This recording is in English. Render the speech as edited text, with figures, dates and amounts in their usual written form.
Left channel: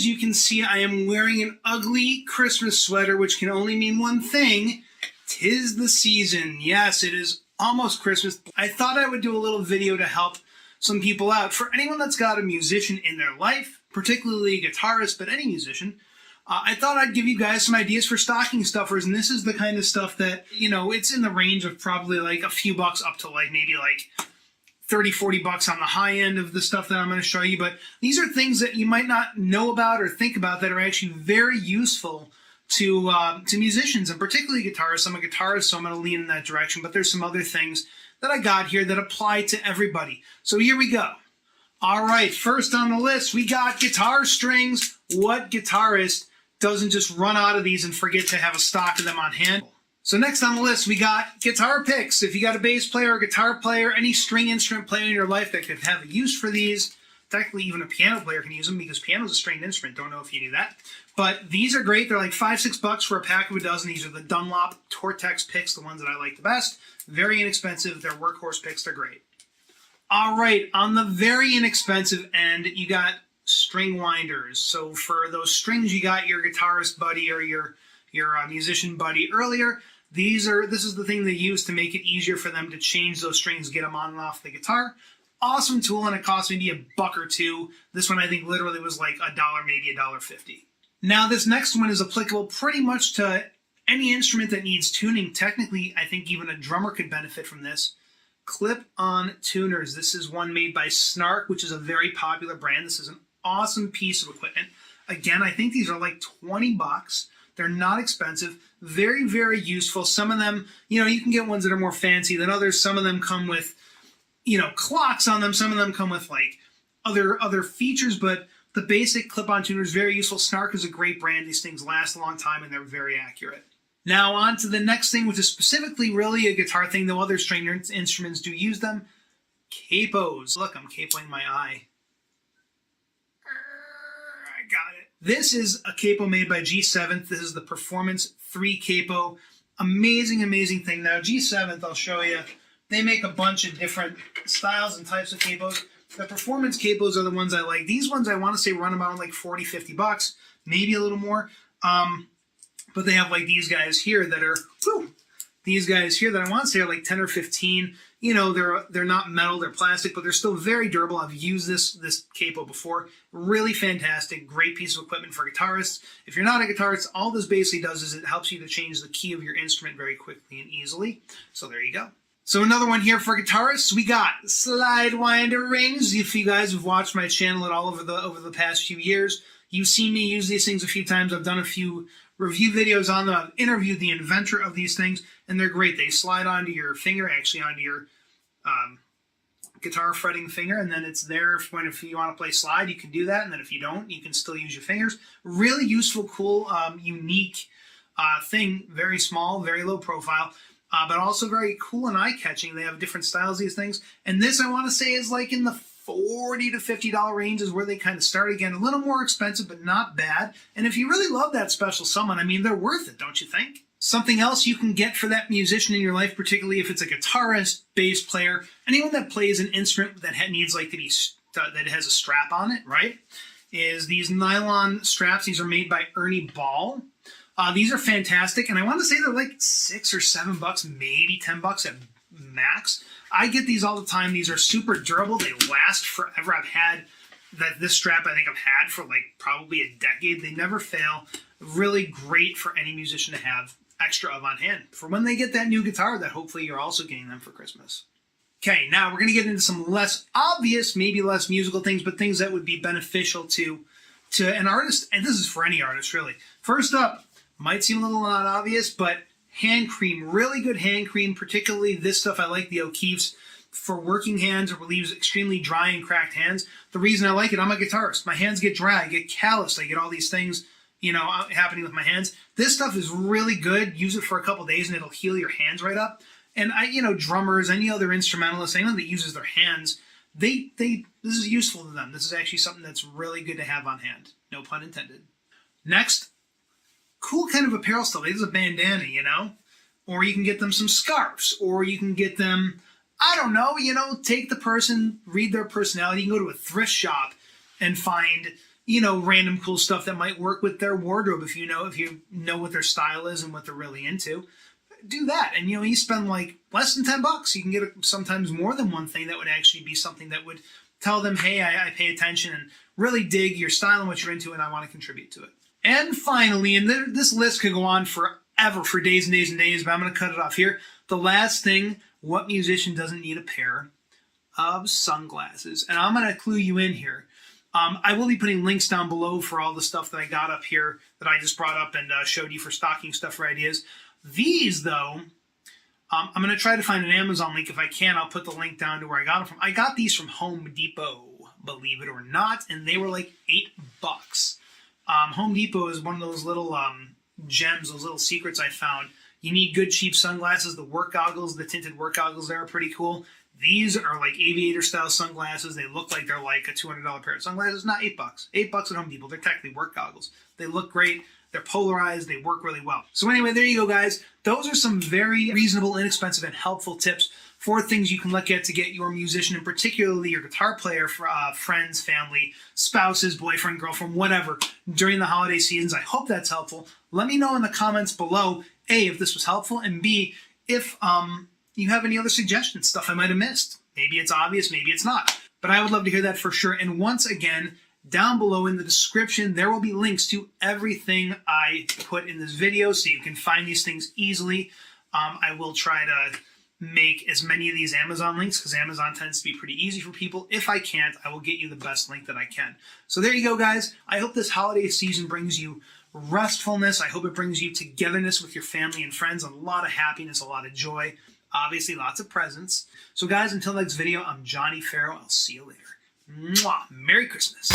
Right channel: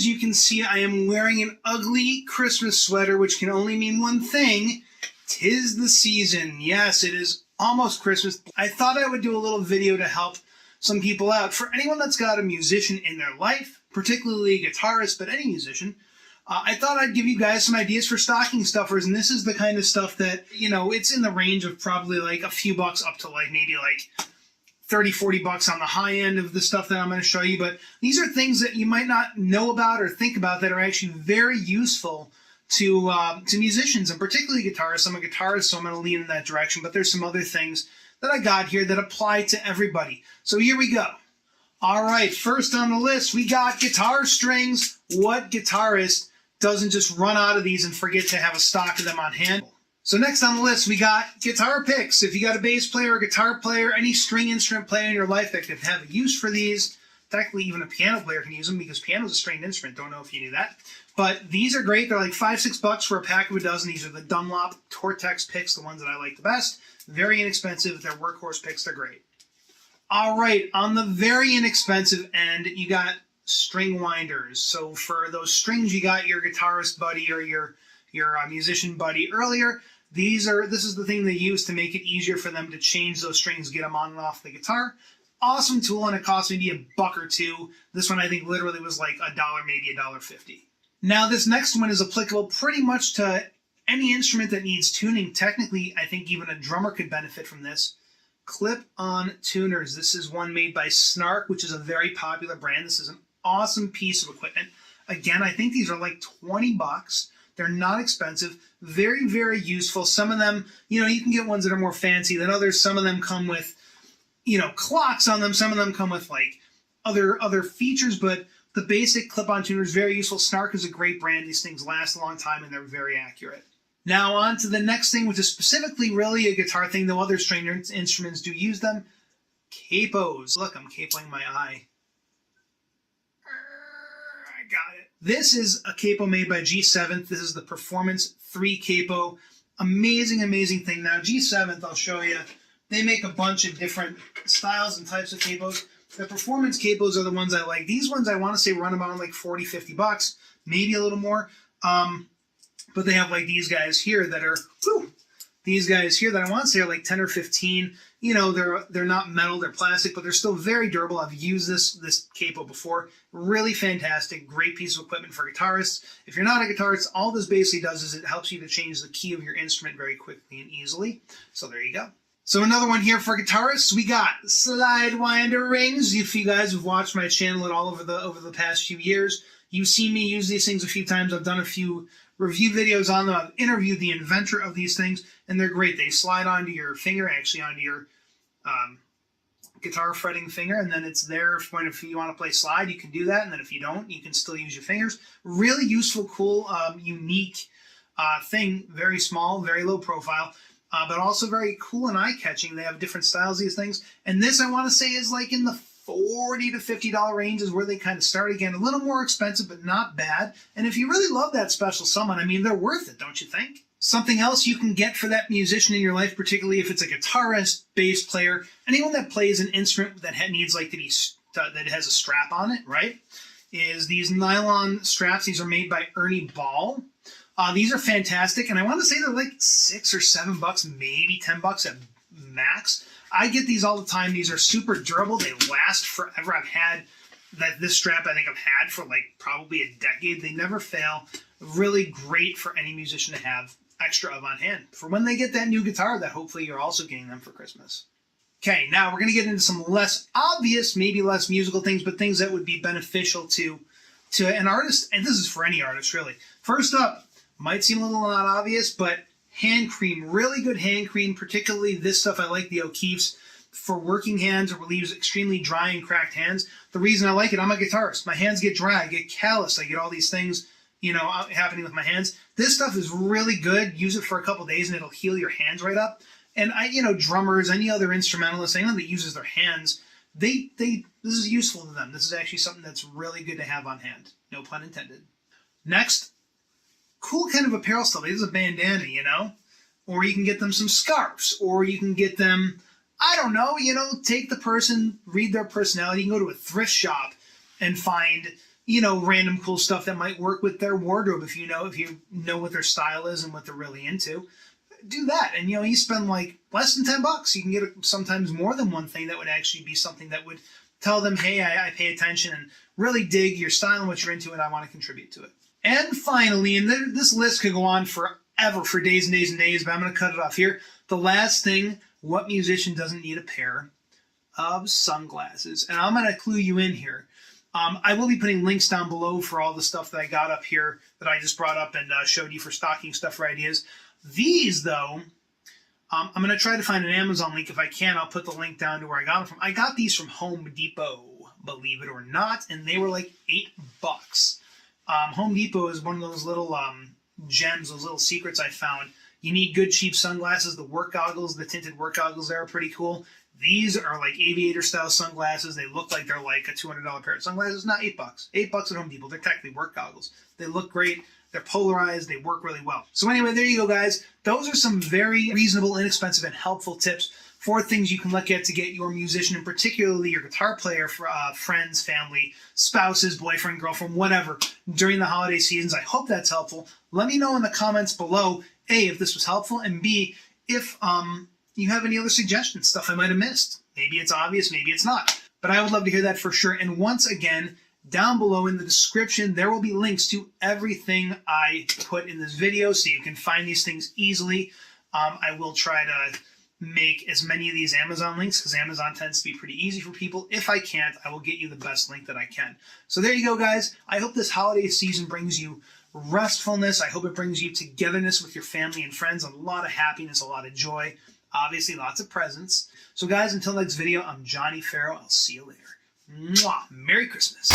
as you can see, I am wearing an ugly Christmas sweater, which can only mean one thing. 'Tis the season. Yes, it is almost Christmas. I thought I would do a little video to help some people out. For anyone that's got a musician in their life, particularly a guitarist, but any musician, I thought I'd give you guys some ideas for stocking stuffers, and this is the kind of stuff that, you know, it's in the range of probably like a few bucks up to like maybe like 30, 40 bucks on the high end of the stuff that I'm going to show you. But these are things that you might not know about or think about that are actually very useful to musicians, and particularly guitarists. I'm a guitarist, so I'm going to lean in that direction. But there's some other things that I got here that apply to everybody. So here we go. All right, first on the list, we got guitar strings. What guitarist doesn't just run out of these and forget to have a stock of them on hand? So next on the list, we got guitar picks. If you got a bass player, a guitar player, any string instrument player in your life that could have a use for these, technically even a piano player can use them because piano is a stringed instrument. Don't know if you knew that. But these are great. They're like $5-6 for a pack of a dozen. These are the Dunlop Tortex picks, the ones that I like the best. Very inexpensive. They're workhorse picks. They're great. All right, on the very inexpensive end, you got string winders. So for those strings, you got your guitarist buddy or your musician buddy earlier. This is the thing they use to make it easier for them to change those strings, get them on and off the guitar. Awesome tool, and it cost maybe $1 or $2. This one I think literally was like $1, maybe $1.50. Now this next one is applicable pretty much to any instrument that needs tuning. Technically, I think even a drummer could benefit from this. Clip-on tuners. This is one made by Snark, which is a very popular brand. This is an awesome piece of equipment. Again, I think these are like 20 bucks. They're not expensive. Very, very useful. Some of them, you know, you can get ones that are more fancy than others. Some of them come with, you know, clocks on them. Some of them come with like other features, but the basic clip-on tuner is very useful. Snark is a great brand. These things last a long time and they're very accurate. Now on to the next thing, which is specifically really a guitar thing, though other string instruments do use them. Capos. Look, I'm capoing my eye. I got it. This is a capo made by G7. This is the Performance 3 capo. Amazing, amazing thing. Now G7, I'll show you, they make a bunch of different styles and types of capos. The Performance capos are the ones I like. These ones I want to say run about like 40, 50 bucks, maybe a little more. But they have like these guys here that are, these guys here that I want to say are like 10 or 15. You know, they're not metal, they're plastic, but they're still very durable. I've used this capo before. Really fantastic, great piece of equipment for guitarists. If you're not a guitarist, all this basically does is it helps you to change the key of your instrument very quickly and easily. So there you go. So another one here for guitarists, we got slide winder rings. If you guys have watched my channel at all over the past few years, you've seen me use these things a few times. I've done a few review videos on them. I've interviewed the inventor of these things, and they're great. They slide onto your finger, actually onto your guitar fretting finger, and then it's there if you want to play slide, you can do that, and then if you don't, you can still use your fingers. Really useful, cool, unique thing. Very small, very low profile, but also very cool and eye-catching. They have different styles, these things, and this I want to say is like in the $40 to $50 range is where they kind of start. Again, a little more expensive, but not bad. And if you really love that special someone, I mean, they're worth it, don't you think? Something else you can get for that musician in your life, particularly if it's a guitarist, bass player, anyone that plays an instrument that needs like to be that has a strap on it, right? Is these nylon straps. These are made by Ernie Ball. These are fantastic, and I want to say they're like $6 or $7, maybe $10 at max. I get these all the time. These are super durable. They last forever. I've had this strap I think I've had for like probably a decade. They never fail. Really great for any musician to have extra of on hand for when they get that new guitar that hopefully you're also getting them for Christmas. Okay, now we're going to get into some less obvious, maybe less musical things, but things that would be beneficial to an artist, and this is for any artist really. First up, might seem a little not obvious, but hand cream, really good hand cream, particularly this stuff. I like the O'Keeffe's for working hands. It relieves extremely dry and cracked hands. The reason I like it, I'm a guitarist. My hands get dry, I get calloused, I get all these things, you know, happening with my hands. This stuff is really good. Use it for a couple days and it'll heal your hands right up. And drummers, any other instrumentalist, anyone that uses their hands, this is useful to them. This is actually something that's really good to have on hand. No pun intended. Next, cool kind of apparel stuff. This is a bandana, or you can get them some scarves, or you can get them, I don't know, take the person, read their personality. You can go to a thrift shop and find, random cool stuff that might work with their wardrobe if you know what their style is and what they're really into. Do that, and you spend like less than $10. You can get sometimes more than one thing that would actually be something that would tell them, hey, I pay attention and really dig your style and what you're into, and I want to contribute to it. And finally, and this list could go on forever, for days and days and days, but I'm going to cut it off here. The last thing, what musician doesn't need a pair of sunglasses? And I'm going to clue you in here. I will be putting links down below for all the stuff that I got up here that I just brought up and showed you for stocking stuffer ideas. These, though, I'm going to try to find an Amazon link. If I can, I'll put the link down to where I got them from. I got these from Home Depot, believe it or not, and they were like $8. Home Depot is one of those little gems, those little secrets I found. You need good, cheap sunglasses. The work goggles, the tinted work goggles there are pretty cool. These are like aviator-style sunglasses. They look like they're like a $200 pair of sunglasses. Not $8. $8 at Home Depot. They're technically work goggles. They look great. They're polarized. They work really well. So anyway, there you go, guys. Those are some very reasonable, inexpensive, and helpful tips for things you can look at to get your musician, and particularly your guitar player, friends, family, spouses, boyfriend, girlfriend, whatever, during the holiday seasons. I hope that's helpful. Let me know in the comments below, A, if this was helpful, and B, if you have any other suggestions, stuff I might have missed. Maybe it's obvious, maybe it's not. But I would love to hear that for sure. And once again, down below in the description, there will be links to everything I put in this video, so you can find these things easily. I will try to make as many of these Amazon links, because Amazon tends to be pretty easy for people. If I can't, I will get you the best link that I can. So there you go, guys. I hope this holiday season brings you restfulness. I hope it brings you togetherness with your family and friends, a lot of happiness, a lot of joy, obviously lots of presents. So guys, until next video, I'm Johnny Farrow. I'll see you later. Mwah! Merry Christmas.